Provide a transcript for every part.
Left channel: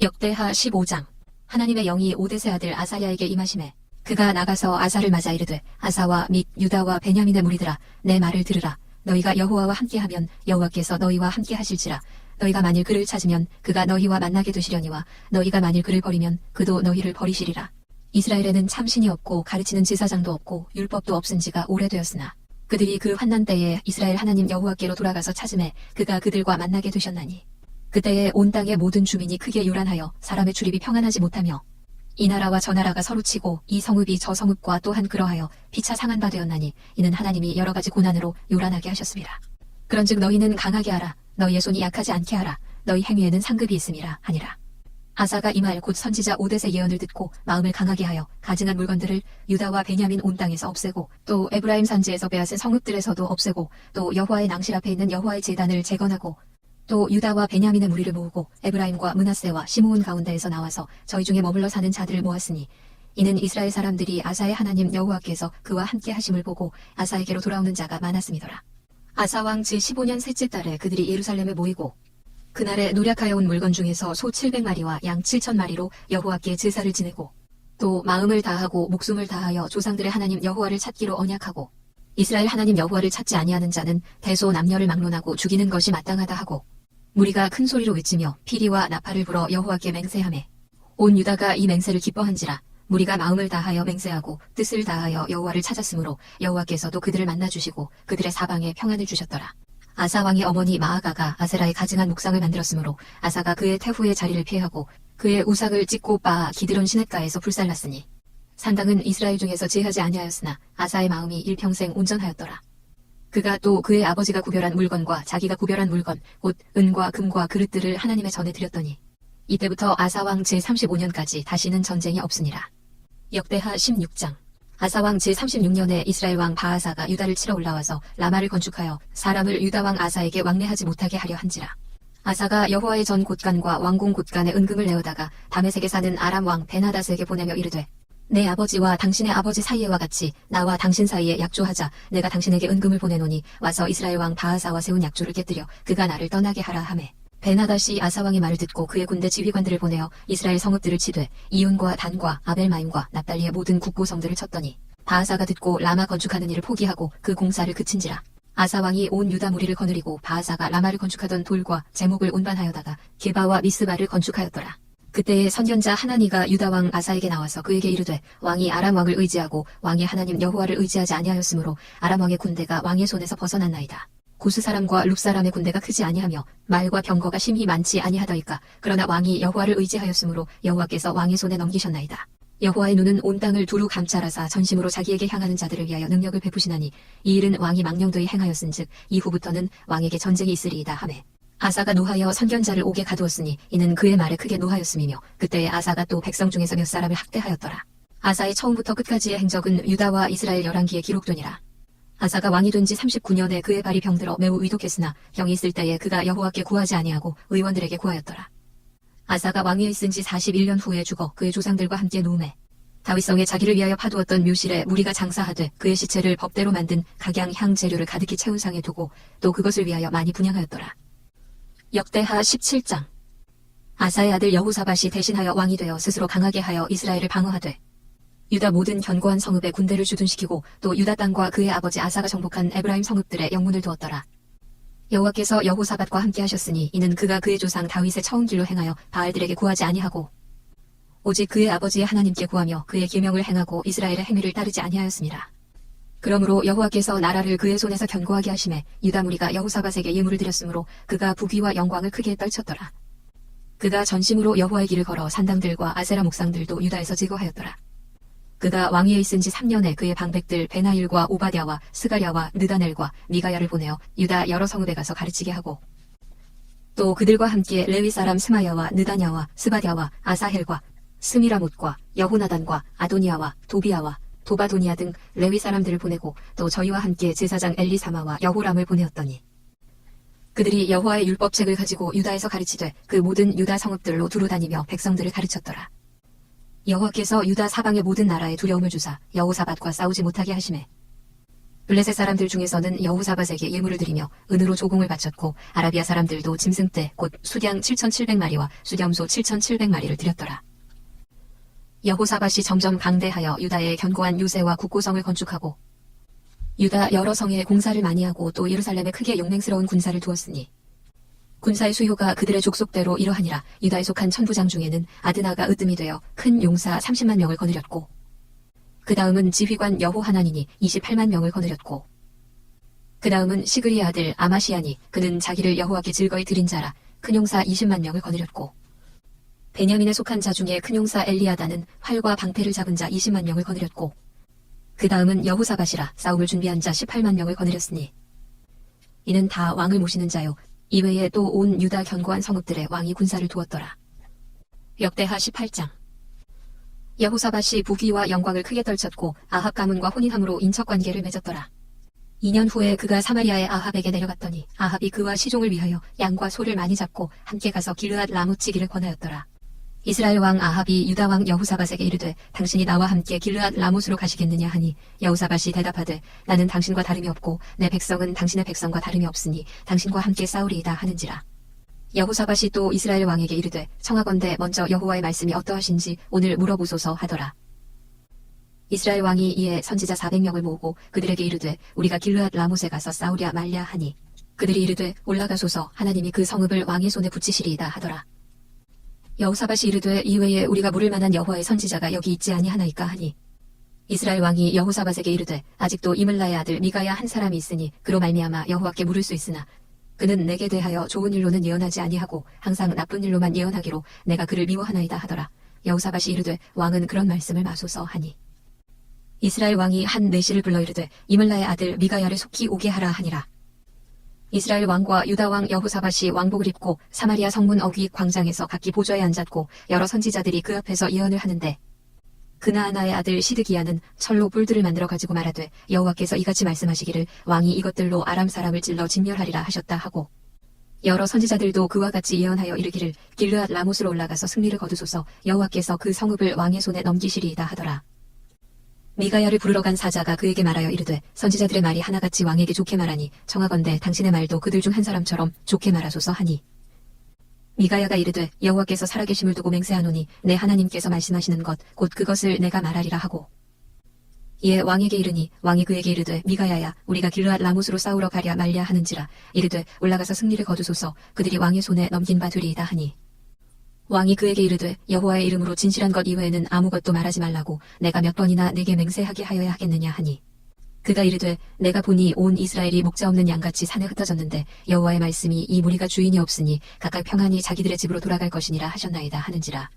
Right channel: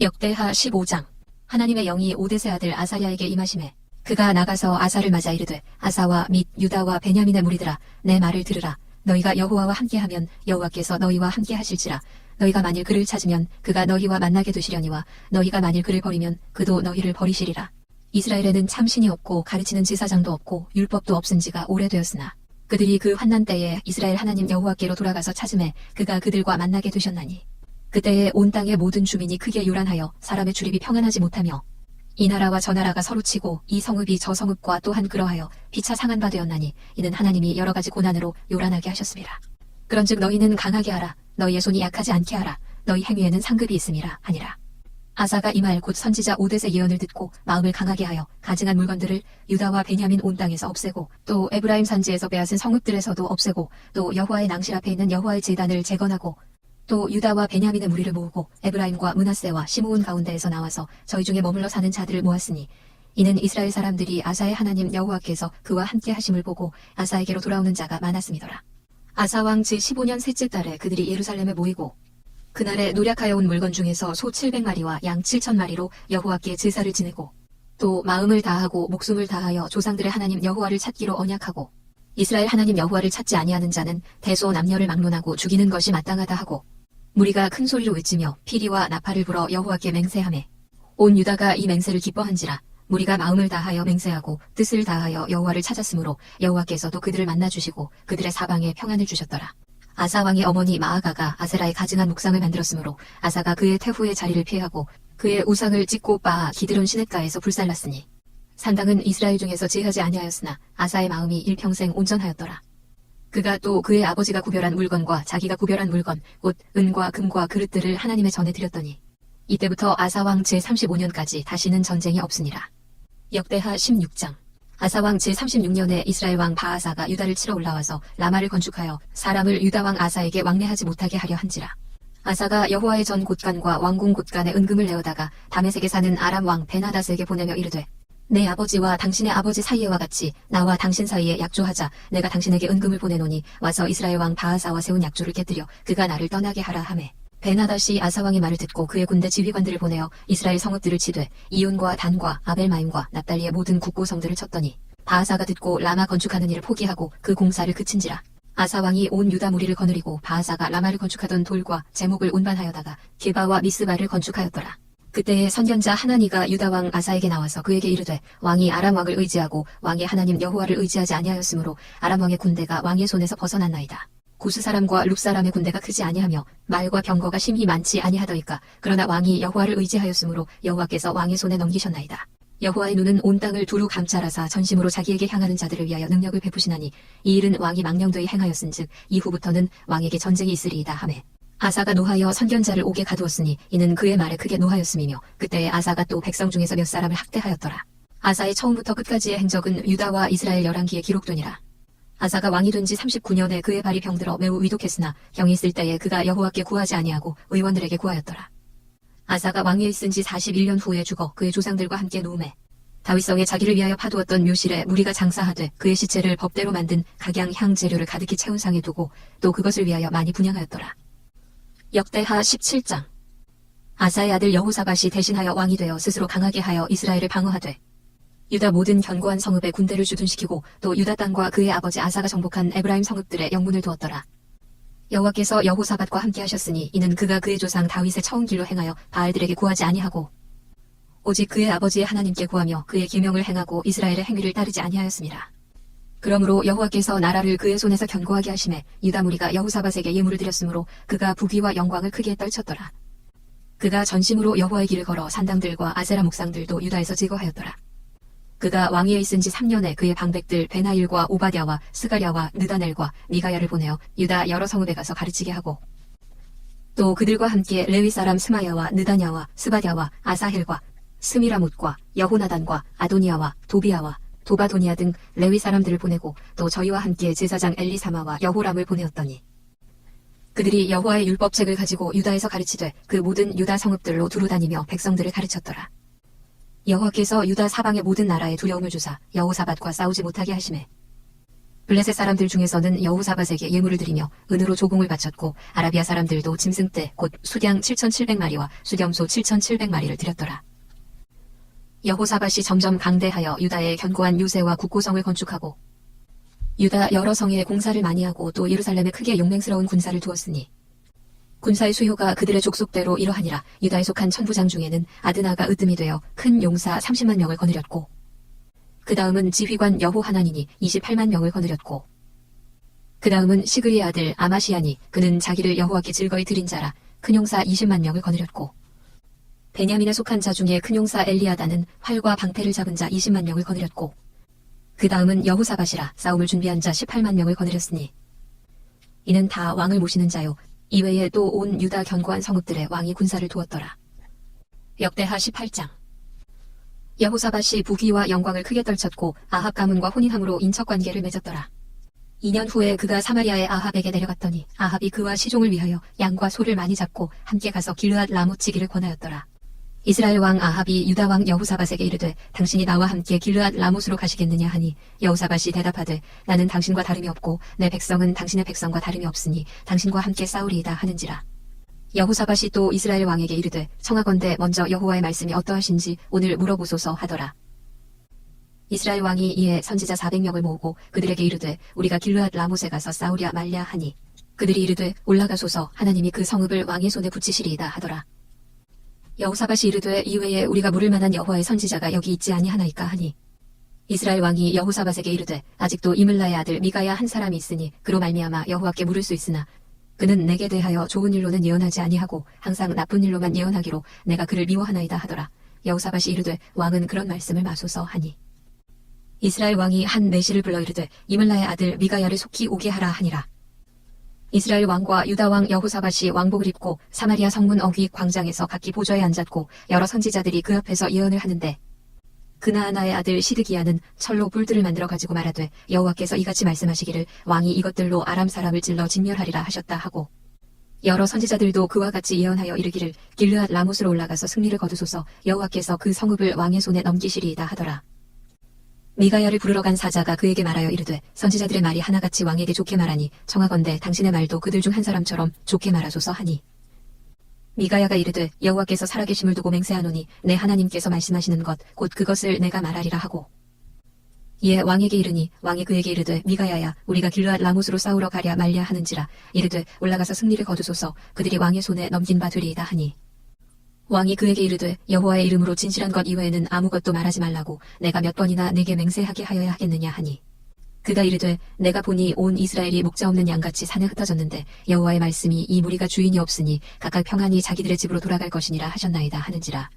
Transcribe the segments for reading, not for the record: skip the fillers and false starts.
역대하 15장. 하나님의 영이 오뎃의 아들 아사랴에게 임하시매 그가 나가서 아사를 맞아 이르되 아사와 및 유다와 베냐민의 무리들아 내 말을 들으라. 너희가 여호와와 함께하면 여호와께서 너희와 함께하실지라. 너희가 만일 그를 찾으면 그가 너희와 만나게 되시려니와 너희가 만일 그를 버리면 그도 너희를 버리시리라. 이스라엘에는 참신이 없고 가르치는 제사장도 없고 율법도 없은 지가 오래되었으나 그들이 그 환난 때에 이스라엘 하나님 여호와께로 돌아가서 찾음에 그가 그들과 만나게 되셨나니 그때에 온 땅의 모든 주민이 크게 요란하여 사람의 출입이 평안하지 못하며 이 나라와 저 나라가 서로 치고 이 성읍이 저 성읍과 또한 그러하여 피차 상한 바 되었나니 이는 하나님이 여러 가지 고난으로 요란하게 하셨습니다. 그런즉 너희는 강하게 하라. 너희의 손이 약하지 않게 하라. 너희 행위에는 상급이 있음이라 하니라. 아사가 이 말 곧 선지자 오뎃의 예언을 듣고 마음을 강하게 하여 가증한 물건들을 유다와 베냐민 온 땅에서 없애고 또 에브라임 산지에서 빼앗은 성읍들에서도 없애고 또 여호와의 낭실 앞에 있는 여호와의 제단을 재건하고 또 유다와 베냐민의 무리를 모으고 에브라임과 므낫세와 시므온 가운데에서 나와서 저희 중에 머물러 사는 자들을 모았으니 이는 이스라엘 사람들이 아사의 하나님 여호와께서 그와 함께 하심을 보고 아사에게로 돌아오는 자가 많았음이더라. 아사 왕 제15년 셋째 달에 그들이 예루살렘에 모이고 그날에 노력하여 온 물건 중에서 소 700마리와 양 7,000마리로 여호와께 제사를 지내고 또 마음을 다하고 목숨을 다하여 조상들의 하나님 여호와를 찾기로 언약하고 이스라엘 하나님 여호와를 찾지 아니하는 자는 대소 남녀를 막론하고 죽이는 것이 마땅하다 하고 무리가 큰 소리로 외치며 피리와 나팔을 불어 여호와께 맹세하매 온 유다가 이 맹세를 기뻐한지라. 무리가 마음을 다하여 맹세하고 뜻을 다하여 여호와를 찾았으므로 여호와께서도 그들을 만나주시고 그들의 사방에 평안을 주셨더라. 아사 왕의 어머니 마아가가 아세라의 가증한 묵상을 만들었으므로 아사가 그의 태후의 자리를 피하고 그의 우상을 찍고 빻아 기드론 시냇가에서 불살랐으니 산당은 이스라엘 중에서 제하지 아니하였으나 아사의 마음이 일평생 온전하였더라. 그가 또 그의 아버지가 구별한 물건과 자기가 구별한 물건 곧 은과 금과 그릇들을 하나님의 전에 드렸더니 이때부터 아사왕 제35년까지 다시는 전쟁이 없으니라. 역대하 16장. 아사왕 제36년에 이스라엘 왕 바아사가 유다를 치러 올라와서 라마를 건축하여 사람을 유다왕 아사에게 왕래하지 못하게 하려 한지라. 아사가 여호와의 전 곳간과 왕궁 곳간에 은금을 내어다가 다메섹에 사는 아람 왕 베나닷에게 보내며 이르되 내 아버지와 당신의 아버지 사이에와 같이 나와 당신 사이에 약조하자. 내가 당신에게 은금을 보내노니 와서 이스라엘 왕 바아사와 세운 약조를 깨뜨려 그가 나를 떠나게 하라 하매 베나닷이 아사왕의 말을 듣고 그의 군대 지휘관들을 보내어 이스라엘 성읍들을 치되 이온과 단과 아벨마임과 납달리의 모든 국고성들을 쳤더니 바아사가 듣고 라마 건축하는 일을 포기하고 그 공사를 그친지라. 아사왕이 온 유다 무리를 거느리고 바아사가 라마를 건축하던 돌과 제목을 운반하여다가 게바와 미스바를 건축하였더라. 그때에 선견자 하나니가 유다왕 아사에게 나와서 그에게 이르되 왕이 아람왕을 의지하고 왕의 하나님 여호와를 의지하지 아니하였으므로 아람왕의 군대가 왕의 손에서 벗어났나이다. 구스 사람과 룹 사람의 군대가 크지 아니하며 말과 병거가 심히 많지 아니하더이까. 그러나 왕이 여호와를 의지하였으므로 여호와께서 왕의 손에 넘기셨나이다. 여호와의 눈은 온 땅을 두루 감찰하사 전심으로 자기에게 향하는 자들을 위하여 능력을 베푸시나니 이 일은 왕이 망령되이 행하였은즉 이후부터는 왕에게 전쟁이 있으리이다 하매 아사가 노하여 선견자를 옥에 가두었으니 이는 그의 말에 크게 노하였음이며 그때에 아사가 또 백성 중에서 몇 사람을 학대하였더라. 아사의 처음부터 끝까지의 행적은 유다와 이스라엘 열왕기에 기록되니라. 아사가 왕이 된 지 39년에 그의 발이 병들어 매우 위독했으나 병이 있을 때에 그가 여호와께 구하지 아니하고 의원들에게 구하였더라. 아사가 왕위에 있은 지 41년 후에 죽어 그의 조상들과 함께 누움에 다윗성에 자기를 위하여 파두었던 묘실에 무리가 장사하되 그의 시체를 법대로 만든 각양 향 재료를 가득히 채운 상에 두고 또 그것을 위하여 많이 분향하였더라. 역대하 17장. 아사의 아들 여호사밧이 대신하여 왕이 되어 스스로 강하게 하여 이스라엘을 방어하되 유다 모든 견고한 성읍에 군대를 주둔시키고 또 유다 땅과 그의 아버지 아사가 정복한 에브라임 성읍들에 영문을 두었더라. 여호와께서 여호사밧과 함께 하셨으니 이는 그가 그의 조상 다윗의 처음 길로 행하여 바알들에게 구하지 아니하고 오직 그의 아버지의 하나님께 구하며 그의 계명을 행하고 이스라엘의 행위를 따르지 아니하였습니다. 그러므로 여호와께서 나라를 그의 손에서 견고하게 하심에 유다 무리가 여호사밧에게 예물을 드렸으므로 그가 부귀와 영광을 크게 떨쳤더라. 그가 전심으로 여호와의 길을 걸어 산당들과 아세라 목상들도 유다에서 제거하였더라. 그가 왕위에 있은 지 3년에 그의 방백들 베나일과 오바댜와 스가랴와 느다넬과 미가야를 보내어 유다 여러 성읍에 가서 가르치게 하고 또 그들과 함께 레위 사람 스마야와 느다냐와 스바댜와 아사헬과 스미라못과 여호나단과 아도니아와 도비아와 도바도니아 등 레위 사람들을 보내고 또 저희와 함께 제사장 엘리사마와 여호람을 보내었더니 그들이 여호와의 율법책을 가지고 유다에서 가르치되 그 모든 유다 성읍들로 두루 다니며 백성들을 가르쳤더라. 여호와께서 유다 사방의 모든 나라에 두려움을 주사 여호사밧과 싸우지 못하게 하시매 블레셋 사람들 중에서는 여호사밧에게 예물을 드리며 은으로 조공을 바쳤고 아라비아 사람들도 짐승떼 곧 수량 7,700마리와 수렴소 7,700마리를 드렸더라. 여호사밧이 점점 강대하여 유다에 견고한 요새와 국고성을 건축하고 유다 여러 성에 공사를 많이 하고 또 예루살렘에 크게 용맹스러운 군사를 두었으니 군사의 수요가 그들의 족속대로 이러하니라. 유다에 속한 천부장 중에는 아드나가 으뜸이 되어 큰 용사 30만 명을 거느렸고 그 다음은 지휘관 여호하나니니 28만 명을 거느렸고 그 다음은 시그리의 아들 아마시아니 그는 자기를 여호와께 즐거이 드린 자라 큰 용사 20만 명을 거느렸고 베냐민에 속한 자 중에 큰 용사 엘리아다는 활과 방패를 잡은 자 20만 명을 거느렸고 그 다음은 여호사밧이라 싸움을 준비한 자 18만 명을 거느렸으니 이는 다 왕을 모시는 자요 이외에 또 온 유다 견고한 성읍들에 왕이 군사를 두었더라. 역대하 18장. 여호사밧이 부귀와 영광을 크게 떨쳤고 아합 가문과 혼인함으로 인척관계를 맺었더라. 2년 후에 그가 사마리아의 아합에게 내려갔더니 아합이 그와 시종을 위하여 양과 소를 많이 잡고 함께 가서 길르앗 라못지기를 권하였더라. 이스라엘 왕 아합이 유다 왕 여호사밧에게 이르되 당신이 나와 함께 길르앗 라못으로 가시겠느냐 하니 여호사밧이 대답하되 나는 당신과 다름이 없고 내 백성은 당신의 백성과 다름이 없으니 당신과 함께 싸우리이다 하는지라. 여호사밧이 또 이스라엘 왕에게 이르되 청하건대 먼저 여호와의 말씀이 어떠하신지 오늘 물어보소서 하더라. 이스라엘 왕이 이에 선지자 400명을 모으고 그들에게 이르되 우리가 길르앗 라못에 가서 싸우랴 말랴 하니 그들이 이르되 올라가소서 하나님이 그 성읍을 왕의 손에 붙이시리이다 하더라. 여호사밧이 이르되 이외에 우리가 물을 만한 여호와의 선지자가 여기 있지 아니하나이까 하니 이스라엘 왕이 여호사밧에게 이르되 아직도 이물라의 아들 미가야 한 사람이 있으니 그로 말미암아 여호와께 물을 수 있으나 그는 내게 대하여 좋은 일로는 예언하지 아니하고 항상 나쁜 일로만 예언하기로 내가 그를 미워하나이다 하더라. 여호사밧이 이르되 왕은 그런 말씀을 마소서 하니 이스라엘 왕이 한 내시를 불러 이르되 이물라의 아들 미가야를 속히 오게 하라 하니라. 이스라엘 왕과 유다 왕 여호사밧이 왕복을 입고 사마리아 성문 어귀 광장에서 각기 보좌에 앉았고 여러 선지자들이 그 옆에서 예언을 하는데 그나아나의 아들 시드기야는 철로 뿔들을 만들어 가지고 말하되 여호와께서 이같이 말씀하시기를 왕이 이것들로 아람 사람을 찔러 진멸하리라 하셨다 하고 여러 선지자들도 그와 같이 예언하여 이르기를 길르앗 라못으로 올라가서 승리를 거두소서 여호와께서 그 성읍을 왕의 손에 넘기시리이다 하더라. 미가야를 부르러 간 사자가 그에게 말하여 이르되 선지자들의 말이 하나같이 왕에게 좋게 말하니 청하건대 당신의 말도 그들 중 한 사람처럼 좋게 말하소서 하니 미가야가 이르되 여호와께서 살아계심을 두고 맹세하노니 내 하나님께서 말씀하시는 것 곧 그것을 내가 말하리라 하고 이에 왕에게 이르니 왕이 그에게 이르되 미가야야 우리가 길르앗 라못으로 싸우러 가랴 말랴 하는지라. 이르되 올라가서 승리를 거두소서 그들이 왕의 손에 넘긴 바 되리이다 하니 왕이 그에게 이르되 여호와의 이름으로 진실한 것 이외에는 아무것도 말하지 말라고 내가 몇 번이나 내게 맹세하게 하여야 하겠느냐 하니 그가 이르되 내가 보니 온 이스라엘이 목자 없는 양같이 산에 흩어졌는데 여호와의 말씀이 이 무리가 주인이 없으니 각각 평안히 자기들의 집으로 돌아갈 것이니라 하셨나이다 하는지라.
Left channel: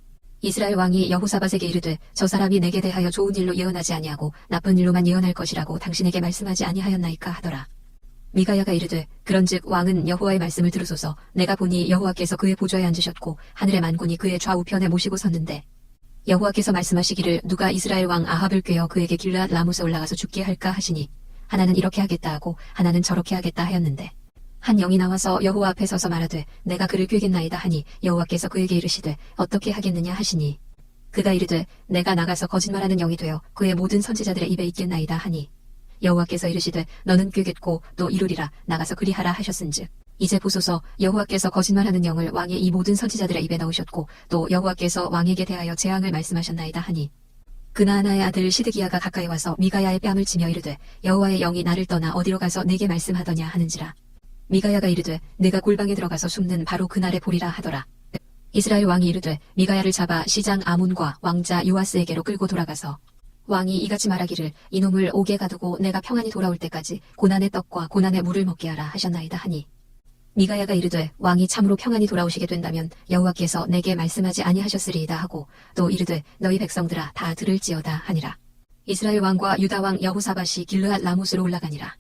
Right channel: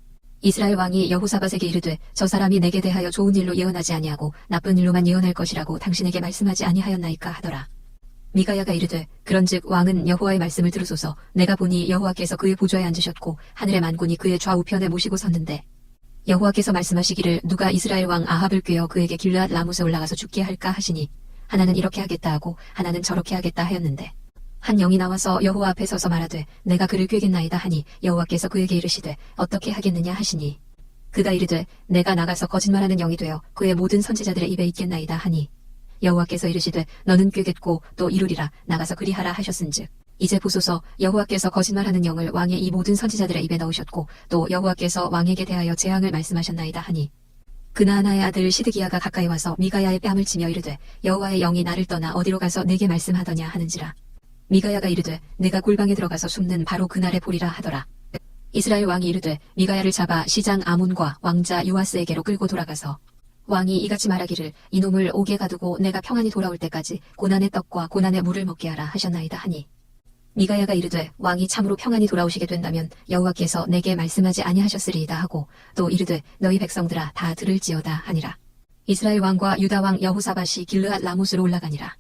이스라엘 왕이 여호사밧에게 이르되 저 사람이 내게 대하여 좋은 일로 예언하지 아니하고 나쁜 일로만 예언할 것이라고 당신에게 말씀하지 아니하였나이까 하더라. 미가야가 이르되 그런즉 왕은 여호와의 말씀을 들으소서. 내가 보니 여호와께서 그의 보좌에 앉으셨고 하늘의 만군이 그의 좌우편에 모시고 섰는데 여호와께서 말씀하시기를 누가 이스라엘 왕 아합을 꾀어 그에게 길르앗 라못에 올라가서 죽게 할까 하시니 하나는 이렇게 하겠다 하고 하나는 저렇게 하겠다 하였는데 한 영이 나와서 여호와 앞에 서서 말하되 내가 그를 꾀겠나이다 하니 여호와께서 그에게 이르시되 어떻게 하겠느냐 하시니 그가 이르되 내가 나가서 거짓말하는 영이 되어 그의 모든 선지자들의 입에 있겠나이다 하니 여호와께서 이르시되 너는 꾀겠고 또 이루리라 나가서 그리하라 하셨은즉 이제 보소서 여호와께서 거짓말하는 영을 왕의 이 모든 선지자들의 입에 넣으셨고 또 여호와께서 왕에게 대하여 재앙을 말씀하셨나이다 하니 그나아나의 아들 시드기야가 가까이 와서 미가야의 뺨을 치며 이르되 여호와의 영이 나를 떠나 어디로 가서 내게 말씀하더냐 하는지라. 미가야가 이르되 내가 골방에 들어가서 숨는 바로 그날에 보리라 하더라. 이스라엘 왕이 이르되 미가야를 잡아 시장 아몬과 왕자 요아스에게로 끌고 돌아가서 왕이 이같이 말하기를 이놈을 옥에 가두고 내가 평안히 돌아올 때까지 고난의 떡과 고난의 물을 먹게 하라 하셨나이다 하니 미가야가 이르되 왕이 참으로 평안히 돌아오시게 된다면 여호와께서 내게 말씀하지 아니하셨으리이다 하고 또 이르되 너희 백성들아 다 들을지어다 하니라. 이스라엘 왕과 유다 왕 여호사밧이 길르앗 라못으로 올라가니라.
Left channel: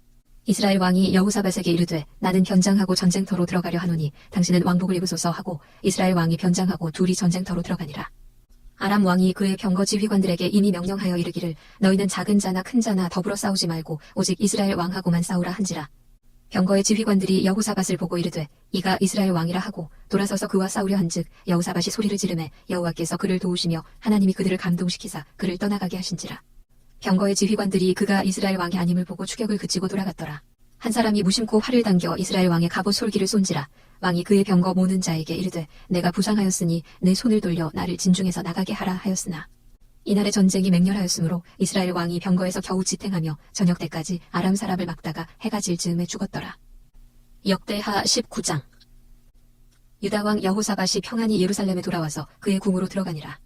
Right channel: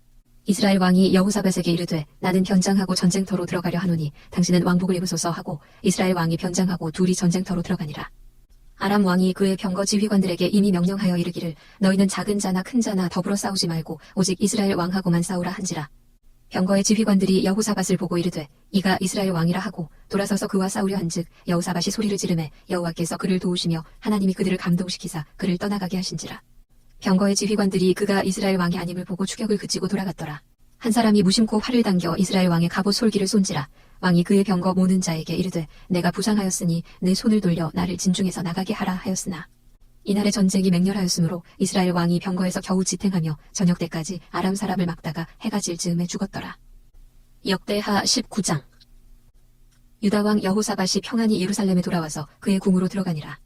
이스라엘 왕이 여호사밧에게 이르되 나는 변장하고 전쟁터로 들어가려 하노니 당신은 왕복을 입으소서 하고 이스라엘 왕이 변장하고 둘이 전쟁터로 들어가니라. 아람 왕이 그의 병거 지휘관들에게 이미 명령하여 이르기를 너희는 작은 자나 큰 자나 더불어 싸우지 말고 오직 이스라엘 왕하고만 싸우라 한지라. 병거의 지휘관들이 여호사밧을 보고 이르되 이가 이스라엘 왕이라 하고 돌아서서 그와 싸우려 한즉 여호사밧이 소리를 지르매 여호와께서 그를 도우시며 하나님이 그들을 감동시키사 그를 떠나가게 하신지라. 병거의 지휘관들이 그가 이스라엘 왕이 아님을 보고 추격을 그치고 돌아갔더라. 한 사람이 무심코 활을 당겨 이스라엘 왕의 갑옷 솔기를 쏜지라. 왕이 그의 병거 모는 자에게 이르되 내가 부상하였으니 내 손을 돌려 나를 진중에서 나가게 하라 하였으나 이날의 전쟁이 맹렬하였으므로 이스라엘 왕이 병거에서 겨우 지탱하며 저녁 때까지 아람 사람을 막다가 해가 질 즈음에 죽었더라. 역대하 19장. 유다 왕 여호사밧이 평안히 예루살렘에 돌아와서 그의 궁으로 들어가니라.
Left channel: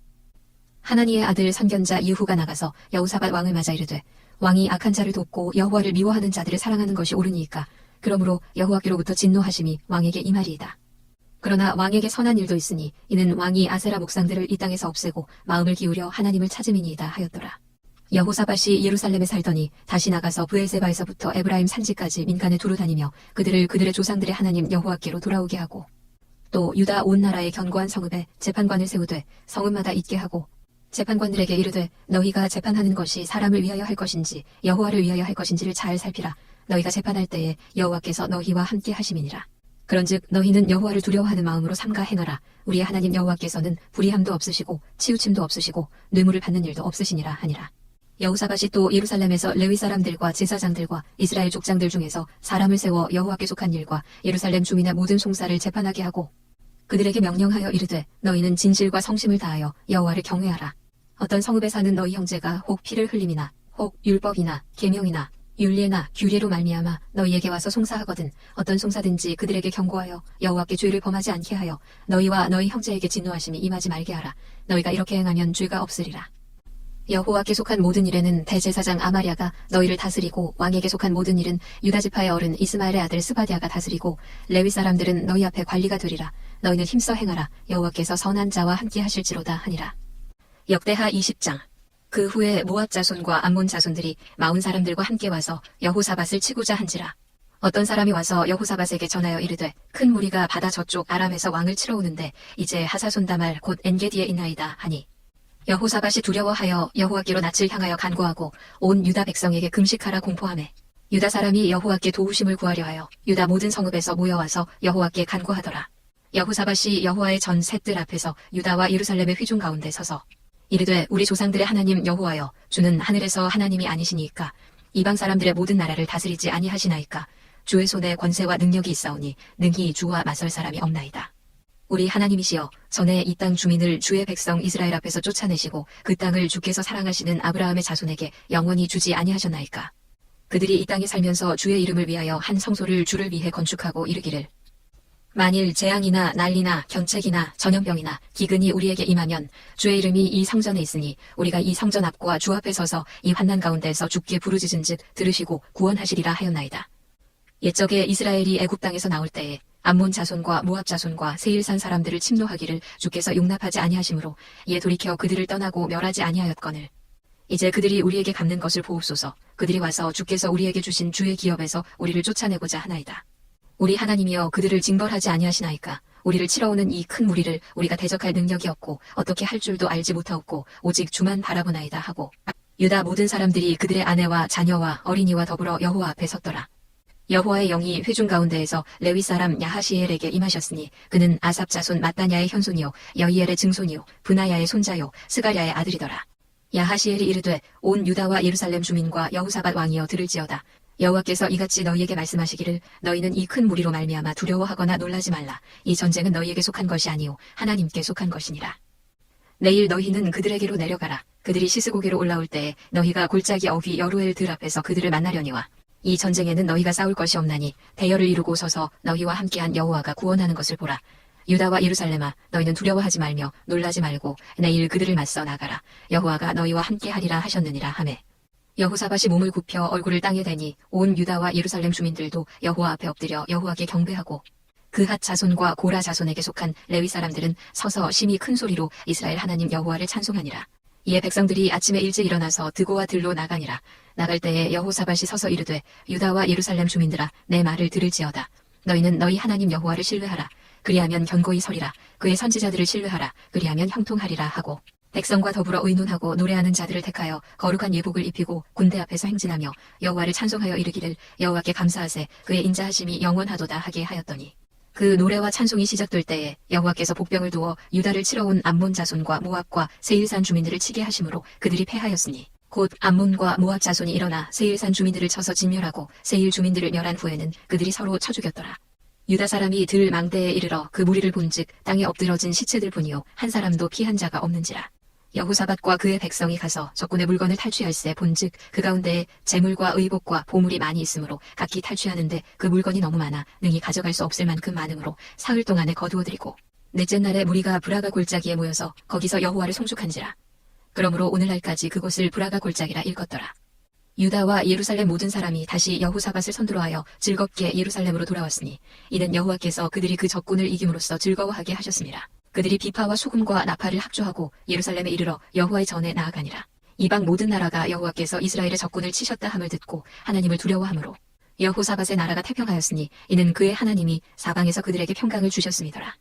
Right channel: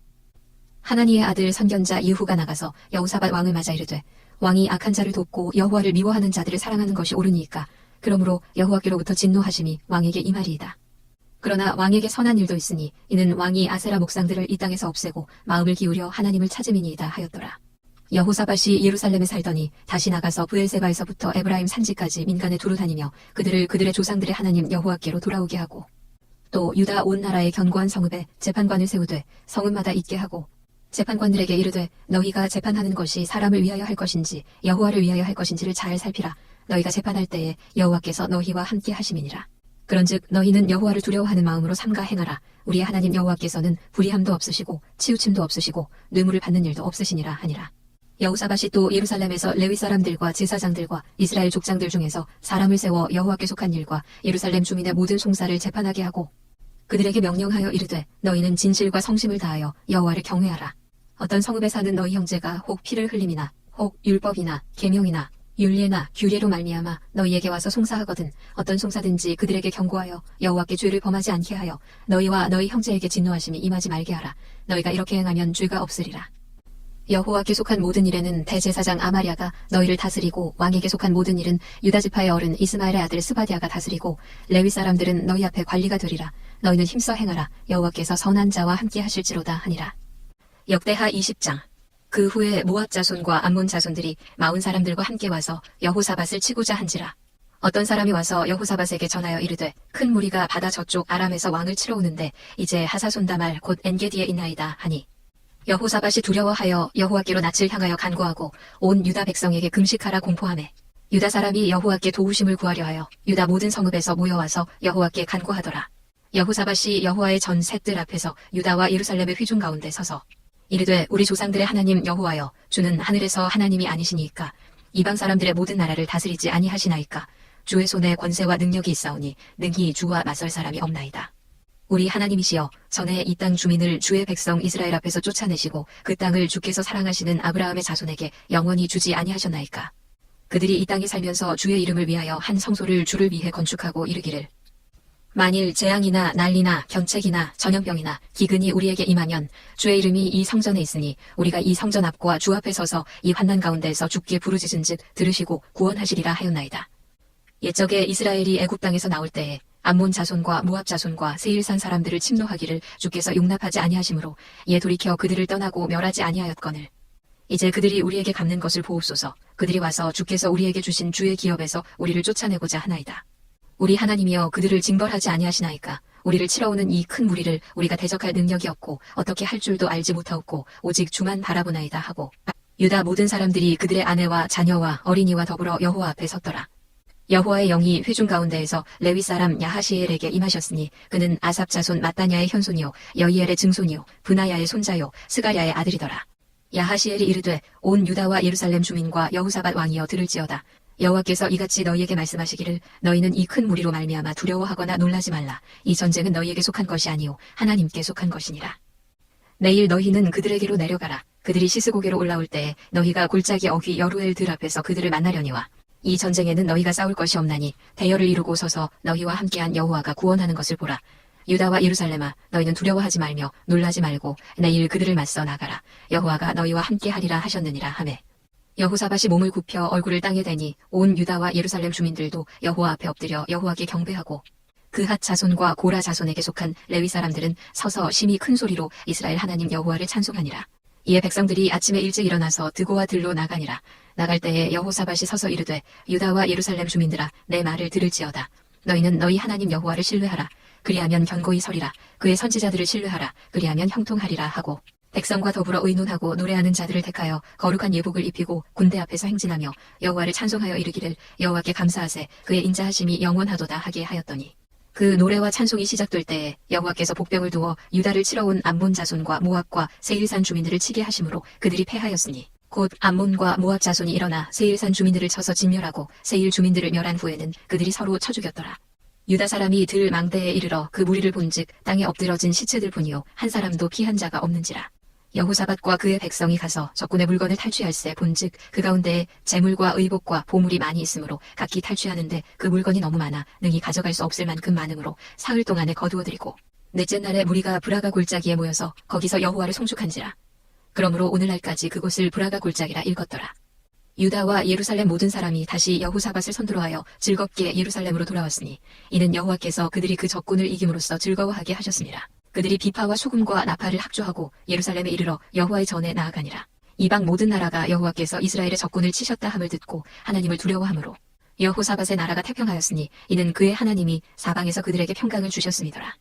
하나니의 아들 선견자 예후가 나가서 여호사밧 왕을 맞아 이르되 왕이 악한 자를 돕고 여호와를 미워하는 자들을 사랑하는 것이 옳으니까 그러므로 여호와께로부터 진노하심이 왕에게 임하리이다. 그러나 왕에게 선한 일도 있으니 이는 왕이 아세라 목상들을 이 땅에서 없애고 마음을 기울여 하나님을 찾음이니이다 하였더라. 여호사밧이 예루살렘에 살더니 다시 나가서 브엘세바에서부터 에브라임 산지까지 민간에 두루 다니며 그들을 그들의 조상들의 하나님 여호와께로 돌아오게 하고 또 유다 온 나라의 견고한 성읍에 재판관을 세우되 성읍마다 있게 하고 재판관들에게 이르되 너희가 재판하는 것이 사람을 위하여 할 것인지 여호와를 위하여 할 것인지를 잘 살피라. 너희가 재판할 때에 여호와께서 너희와 함께 하심이니라. 그런즉 너희는 여호와를 두려워하는 마음으로 삼가 행하라. 우리의 하나님 여호와께서는 불의함도 없으시고 치우침도 없으시고 뇌물을 받는 일도 없으시니라 하니라. 여호사밧이 또 예루살렘에서 레위 사람들과 제사장들과 이스라엘 족장들 중에서 사람을 세워 여호와께 속한 일과 예루살렘 주민의 모든 송사를 재판하게 하고 그들에게 명령하여 이르되 너희는 진실과 성심을 다하여 여호와를 경외하라. 어떤 성읍에 사는 너희 형제가 혹 피를 흘림이나 혹 율법이나 계명이나 율례나 규례로 말미암아 너희에게 와서 송사하거든 어떤 송사든지 그들에게 경고하여 여호와께 죄를 범하지 않게 하여 너희와 너희 형제에게 진노하심이 임하지 말게 하라. 너희가 이렇게 행하면 죄가 없으리라. 여호와께 속한 모든 일에는 대제사장 아마랴가 너희를 다스리고 왕에게 속한 모든 일은 유다 지파의 어른 이스마엘의 아들 스바디아가 다스리고 레위 사람들은 너희 앞에 관리가 되리라. 너희는 힘써 행하라. 여호와께서 선한 자와 함께 하실지로다 하니라. 역대하 20장. 그 후에 모압 자손과 암몬 자손들이 마흔 사람들과 함께 와서 여호사밧을 치고자 한지라. 어떤 사람이 와서 여호사밧에게 전하여 이르되 큰 무리가 바다 저쪽 아람에서 왕을 치러 오는데 이제 하사손다말 곧 엔게디에 있나이다 하니 여호사밧이 두려워하여 여호와께로 낯을 향하여 간구하고 온 유다 백성에게 금식하라 공포하매 유다 사람이 여호와께 도우심을 구하려 하여 유다 모든 성읍에서 모여와서 여호와께 간구하더라. 여호사밧이 여호와의 전 셋들 앞에서 유다와 예루살렘의 회중 가운데 서서 이르되 우리 조상들의 하나님 여호와여 주는 하늘에서 하나님이 아니시니까 이방 사람들의 모든 나라를 다스리지 아니하시나이까 주의 손에 권세와 능력이 있사오니 능히 주와 맞설 사람이 없나이다. 우리 하나님이시여 전에 이 땅 주민을 주의 백성 이스라엘 앞에서 쫓아내시고 그 땅을 주께서 사랑하시는 아브라함의 자손에게 영원히 주지 아니하셨나이까. 그들이 이 땅에 살면서 주의 이름을 위하여 한 성소를 주를 위해 건축하고 이르기를 만일 재앙이나 난리나 경책이나 전염병이나 기근이 우리에게 임하면 주의 이름이 이 성전에 있으니 우리가 이 성전 앞과 주 앞에 서서 이 환난 가운데에서 주께 부르짖은즉 들으시고 구원하시리라 하였나이다. 옛적에 이스라엘이 애굽 땅에서 나올 때에 암몬 자손과 모압 자손과 세일산 사람들을 침노하기를 주께서 용납하지 아니하시므로 이에 돌이켜 그들을 떠나고 멸하지 아니하였거늘 이제 그들이 우리에게 갚는 것을 보옵소서. 그들이 와서 주께서 우리에게 주신 주의 기업에서 우리를 쫓아내고자 하나이다. 우리 하나님이여 그들을 징벌하지 아니하시나이까. 우리를 치러오는 이 큰 무리를 우리가 대적할 능력이 없고 어떻게 할 줄도 알지 못하옵고 오직 주만 바라보나이다 하고 유다 모든 사람들이 그들의 아내와 자녀와 어린이와 더불어 여호와 앞에 섰더라. 여호와의 영이 회중 가운데에서 레위 사람 야하시엘에게 임하셨으니 그는 아삽 자손 마따냐의 현손이요 여이엘의 증손이요 브나야의 손자요 스가랴의 아들이더라. 야하시엘이 이르되 온 유다와 예루살렘 주민과 여호사밧 왕이여 들을지어다. 여호와께서 이같이 너희에게 말씀하시기를 너희는 이 큰 무리로 말미암아 두려워하거나 놀라지 말라. 이 전쟁은 너희에게 속한 것이 아니오 하나님께 속한 것이니라. 내일 너희는 그들에게로 내려가라. 그들이 시스고개로 올라올 때에 너희가 골짜기 어귀 여루엘 들 앞에서 그들을 만나려니와 이 전쟁에는 너희가 싸울 것이 없나니 대열을 이루고 서서 너희와 함께한 여호와가 구원하는 것을 보라. 유다와 예루살렘아 너희는 두려워하지 말며 놀라지 말고 내일 그들을 맞서 나가라. 여호와가 너희와 함께하리라 하셨느니라 하매 여호사밧이 몸을 굽혀 얼굴을 땅에 대니 온 유다와 예루살렘 주민들도 여호와 앞에 엎드려 여호와께 경배하고 그핫 자손과 고라 자손에게 속한 레위 사람들은 서서 심히 큰 소리로 이스라엘 하나님 여호와를 찬송하니라. 이에 백성들이 아침에 일찍 일어나서 드고와 들로 나가니라. 나갈 때에 여호사밧이 서서 이르되 유다와 예루살렘 주민들아 내 말을 들을지어다. 너희는 너희 하나님 여호와를 신뢰하라. 그리하면 견고히 서리라. 그의 선지자들을 신뢰하라. 그리하면 형통하리라 하고 백성과 더불어 의논하고 노래하는 자들을 택하여 거룩한 예복을 입히고 군대 앞에서 행진하며 여호와를 찬송하여 이르기를 여호와께 감사하세 그의 인자하심이 영원하도다 하게 하였더니 그 노래와 찬송이 시작될 때에 여호와께서 복병을 두어 유다를 치러 온 암몬 자손과 모압과 세일산 주민들을 치게 하심으로 그들이 패하였으니 곧 암몬과 모압 자손이 일어나 세일산 주민들을 쳐서 진멸하고 세일 주민들을 멸한 후에는 그들이 서로 쳐 죽였더라. 유다 사람이 들 망대에 이르러 그 무리를 본즉 땅에 엎드러진 시체들 뿐이요 한 사람도 피한 자가 없는지라. 여호사밧과 그의 백성이 가서 적군의 물건을 탈취할세 본즉 그 가운데에 재물과 의복과 보물이 많이 있으므로 각기 탈취하는데 그 물건이 너무 많아 능히 가져갈 수 없을 만큼 많으므로 사흘 동안에 거두어들이고 넷째 날에 무리가 브라가 골짜기에 모여서 거기서 여호와를 송축한지라. 그러므로 오늘날까지 그곳을 브라가 골짜기라 일컫더라. 유다와 예루살렘 모든 사람이 다시 여호사밧을 선두로하여 즐겁게 예루살렘으로 돌아왔으니 이는 여호와께서 그들이 그 적군을 이김으로써 즐거워하게 하셨습니다. 그들이 비파와 소금과 나팔을 합주하고 예루살렘에 이르러 여호와의 전에 나아가니라. 이방 모든 나라가 여호와께서 이스라엘의 적군을 치셨다 함을 듣고 하나님을 두려워하므로 여호사밧의 나라가 태평하였으니 이는 그의 하나님이 사방에서 그들에게 평강을 주셨음이더라.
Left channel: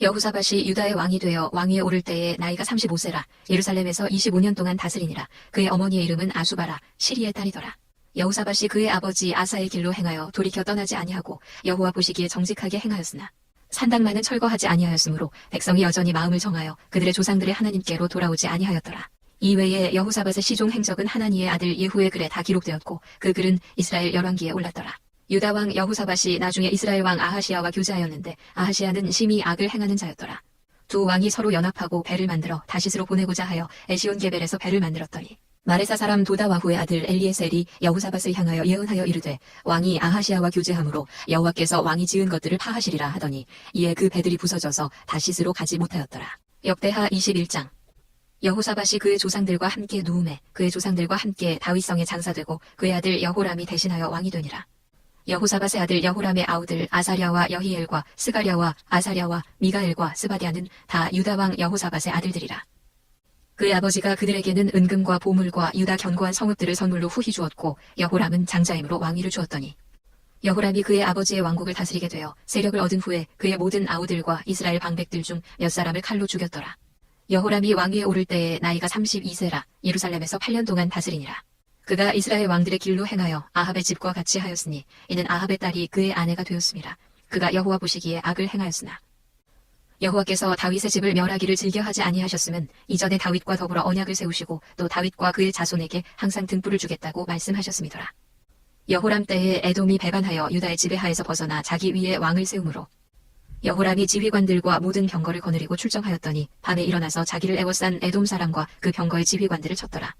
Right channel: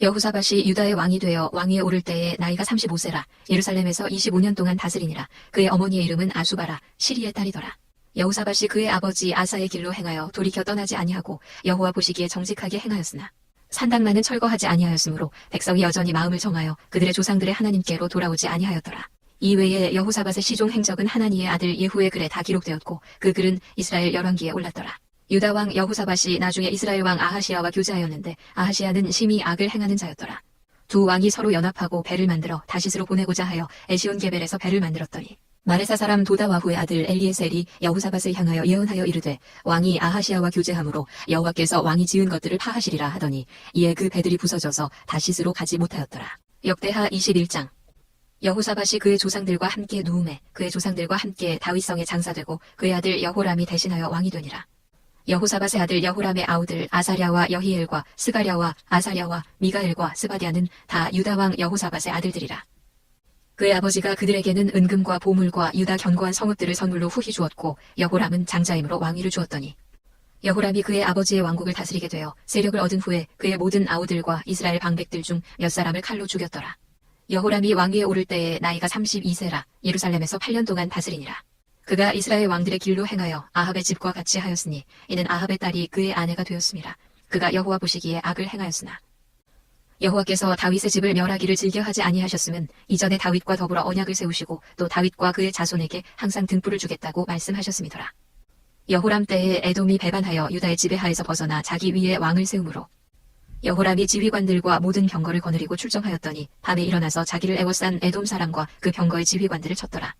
여호사밧이 유다의 왕이 되어 왕위에 오를 때에 나이가 35세라 예루살렘에서 25년 동안 다스리니라. 그의 어머니의 이름은 아수바라 시리의 딸이더라. 여호사밧이 그의 아버지 아사의 길로 행하여 돌이켜 떠나지 아니하고 여호와 보시기에 정직하게 행하였으나 산당만은 철거하지 아니하였으므로 백성이 여전히 마음을 정하여 그들의 조상들의 하나님께로 돌아오지 아니하였더라. 이외에 여호사밧의 시종 행적은 하나니의 아들 예후의 글에 다 기록되었고 그 글은 이스라엘 열왕기에 올랐더라. 유다 왕 여호사밧이 나중에 이스라엘 왕 아하시야와 교제하였는데 아하시야는 심히 악을 행하는 자였더라. 두 왕이 서로 연합하고 배를 만들어 다시스로 보내고자 하여 에시온게벨에서 배를 만들었더니 마레사 사람 도다와후의 아들 엘리에셀이 여호사밧을 향하여 예언하여 이르되 왕이 아하시야와 교제함으로 여호와께서 왕이 지은 것들을 파하시리라 하더니 이에 그 배들이 부서져서 다시스로 가지 못하였더라. 역대하 21장. 여호사밧이 그의 조상들과 함께 누움에 그의 조상들과 함께 다윗성에 장사되고 그의 아들 여호람이 대신하여 왕이 되니라. 여호사밧의 아들 여호람의 아우들 아사랴와 여히엘과 스가랴와 아사랴와 미가엘과 스바디아는 다 유다 왕 여호사밧의 아들들이라. 그의 아버지가 그들에게는 은금과 보물과 유다 견고한 성읍들을 선물로 후히 주었고 여호람은 장자임으로 왕위를 주었더니 여호람이 그의 아버지의 왕국을 다스리게 되어 세력을 얻은 후에 그의 모든 아우들과 이스라엘 방백들 중 몇 사람을 칼로 죽였더라. 여호람이 왕위에 오를 때에 나이가 32세라 예루살렘에서 8년 동안 다스리니라. 그가 이스라엘 왕들의 길로 행하여 아합의 집과 같이 하였으니 이는 아합의 딸이 그의 아내가 되었음이라. 그가 여호와 보시기에 악을 행하였으나 여호와께서 다윗의 집을 멸하기를 즐겨하지 아니하셨으면 이전에 다윗과 더불어 언약을 세우시고 또 다윗과 그의 자손에게 항상 등불을 주겠다고 말씀하셨음이더라. 여호람 때에 에돔이 배반하여 유다의 지배하에서 벗어나 자기 위에 왕을 세우므로 여호람이 지휘관들과 모든 병거를 거느리고 출정하였더니 밤에 일어나서 자기를 애워싼 에돔 사람과 그 병거의 지휘관들을 쳤더라.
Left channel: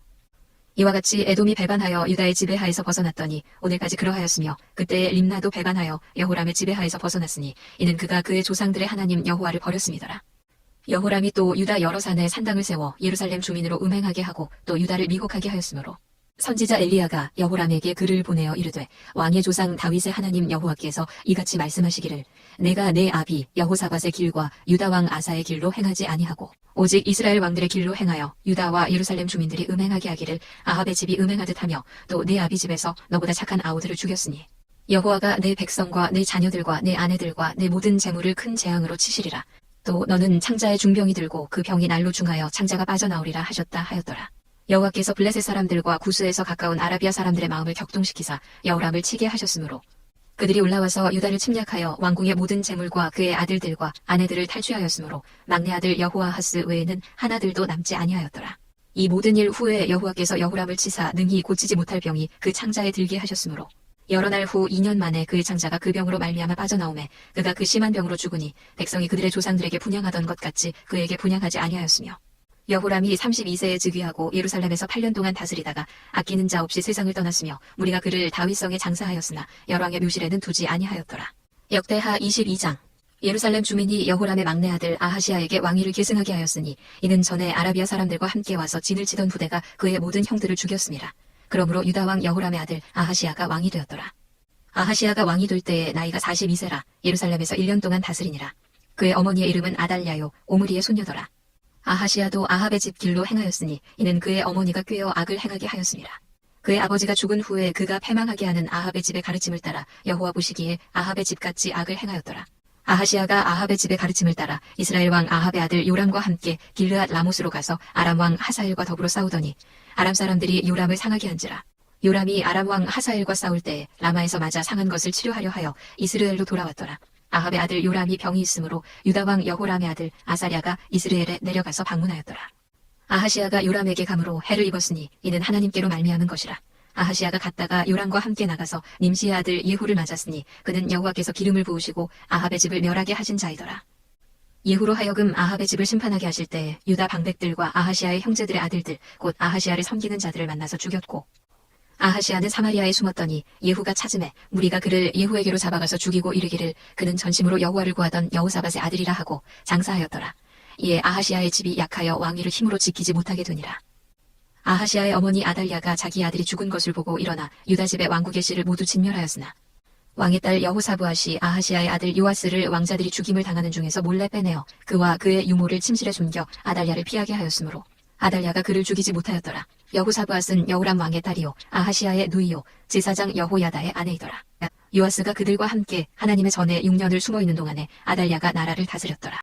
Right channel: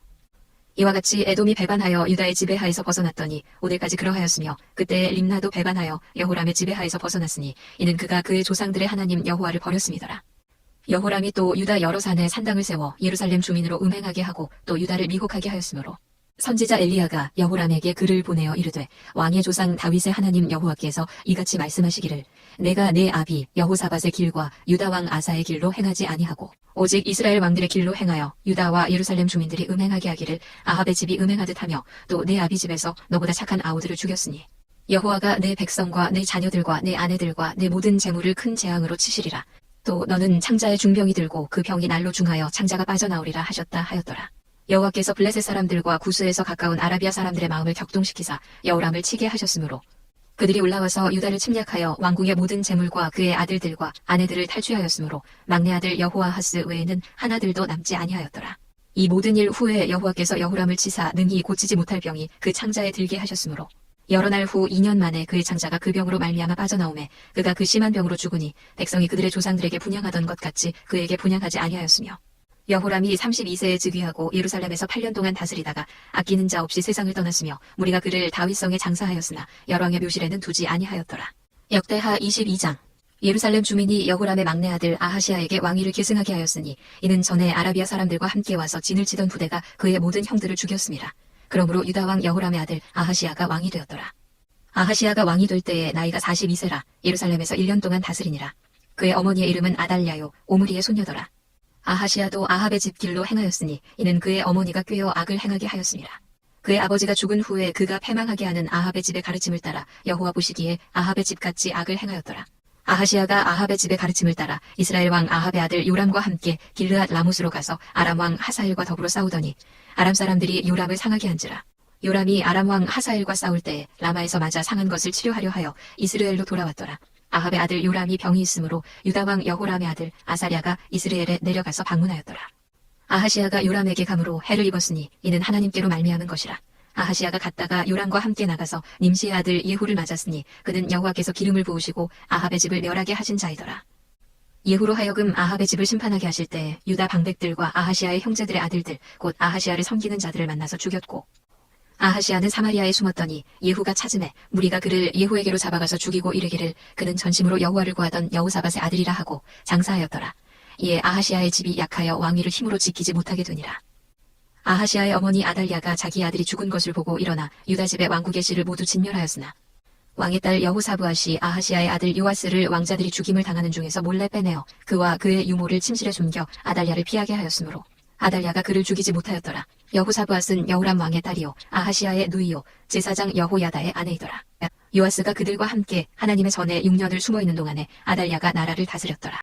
이와 같이 에돔이 배반하여 유다의 지배하에서 벗어났더니 오늘까지 그러하였으며 그때 림나도 배반하여 여호람의 지배하에서 벗어났으니 이는 그가 그의 조상들의 하나님 여호와를 버렸음이더라. 여호람이 또 유다 여러 산에 산당을 세워 예루살렘 주민으로 음행하게 하고 또 유다를 미혹하게 하였으므로 선지자 엘리야가 여호람에게 글을 보내어 이르되 왕의 조상 다윗의 하나님 여호와께서 이같이 말씀하시기를 내가 내 아비 여호사밧의 길과 유다 왕 아사의 길로 행하지 아니하고 오직 이스라엘 왕들의 길로 행하여 유다와 예루살렘 주민들이 음행하게 하기를 아합의 집이 음행하듯 하며 또 내 아비 집에서 너보다 착한 아우들을 죽였으니 여호와가 내 백성과 내 자녀들과 내 아내들과 내 모든 재물을 큰 재앙으로 치시리라. 또 너는 창자의 중병이 들고 그 병이 날로 중하여 창자가 빠져나오리라 하셨다 하였더라. 여호와께서 블레셋 사람들과 구스에서 가까운 아라비아 사람들의 마음을 격동시키사 여호람을 치게 하셨으므로 그들이 올라와서 유다를 침략하여 왕궁의 모든 재물과 그의 아들들과 아내들을 탈취하였으므로 막내 아들 여호아하스 외에는 하나들도 남지 아니하였더라. 이 모든 일 후에 여호와께서 여호람을 치사 능히 고치지 못할 병이 그 창자에 들게 하셨으므로 여러 날 후 2년 만에 그의 창자가 그 병으로 말미암아 빠져나오매 그가 그 심한 병으로 죽으니 백성이 그들의 조상들에게 분향하던 것 같이 그에게 분향하지 아니하였으며 여호람이 32세에 즉위하고 예루살렘에서 8년 동안 다스리다가 아끼는 자 없이 세상을 떠났으며 무리가 그를 다윗성에 장사하였으나 열왕의 묘실에는 두지 아니하였더라. 역대하 22장. 예루살렘 주민이 여호람의 막내 아들 아하시야에게 왕위를 계승하게 하였으니 이는 전에 아라비아 사람들과 함께 와서 진을 치던 부대가 그의 모든 형들을 죽였습니다. 그러므로 유다 왕 여호람의 아들 아하시야가 왕이 되었더라. 아하시야가 왕이 될 때에 나이가 42세라 예루살렘에서 1년 동안 다스리니라. 그의 어머니의 이름은 아달랴요 오므리의 손녀더라. 아하시야도 아합의 집 길로 행하였으니 이는 그의 어머니가 꾀어 악을 행하게 하였습니다. 그의 아버지가 죽은 후에 그가 패망하게 하는 아합의 집의 가르침을 따라 여호와 보시기에 아합의 집같이 악을 행하였더라. 아하시야가 아합의 집의 가르침을 따라 이스라엘 왕 아합의 아들 요람과 함께 길르앗 라못으로 가서 아람 왕 하사엘과 더불어 싸우더니 아람 사람들이 요람을 상하게 한지라. 요람이 아람 왕 하사엘과 싸울 때에 라마에서 맞아 상한 것을 치료하려 하여 이스라엘로 돌아왔더라. 아합의 아들 요람이 병이 있으므로 유다 왕 여호람의 아들 아사랴가 이스라엘에 내려가서 방문하였더라. 아하시아가 요람에게 감으로 해를 입었으니 이는 하나님께로 말미암은 것이라. 아하시아가 갔다가 요람과 함께 나가서 님시의 아들 예후를 맞았으니 그는 여호와께서 기름을 부으시고 아합의 집을 멸하게 하신 자이더라. 예후로 하여금 아합의 집을 심판하게 하실 때에 유다 방백들과 아하시아의 형제들의 아들들 곧 아하시아를 섬기는 자들을 만나서 죽였고, 아하시아는 사마리아에 숨었더니 예후가 찾음에 무리가 그를 예후에게로 잡아가서 죽이고 이르기를 그는 전심으로 여호와를 구하던 여호사밧의 아들이라 하고 장사하였더라. 이에 아하시아의 집이 약하여 왕위를 힘으로 지키지 못하게 되니라. 아하시아의 어머니 아달랴가 자기 아들이 죽은 것을 보고 일어나 유다 집의 왕국의 씨를 모두 진멸하였으나 왕의 딸 여호사브앗이 아하시아의 아들 요아스를 왕자들이 죽임을 당하는 중에서 몰래 빼내어 그와 그의 유모를 침실에 숨겨 아달랴를 피하게 하였으므로 아달랴가 그를 죽이지 못하였더라. 여호사브앗은 여호람 왕의 딸이요 아하시아의 누이요 제사장 여호야다의 아내이더라. 요아스가 그들과 함께 하나님의 전에 6년을 숨어있는 동안에 아달랴가 나라를 다스렸더라.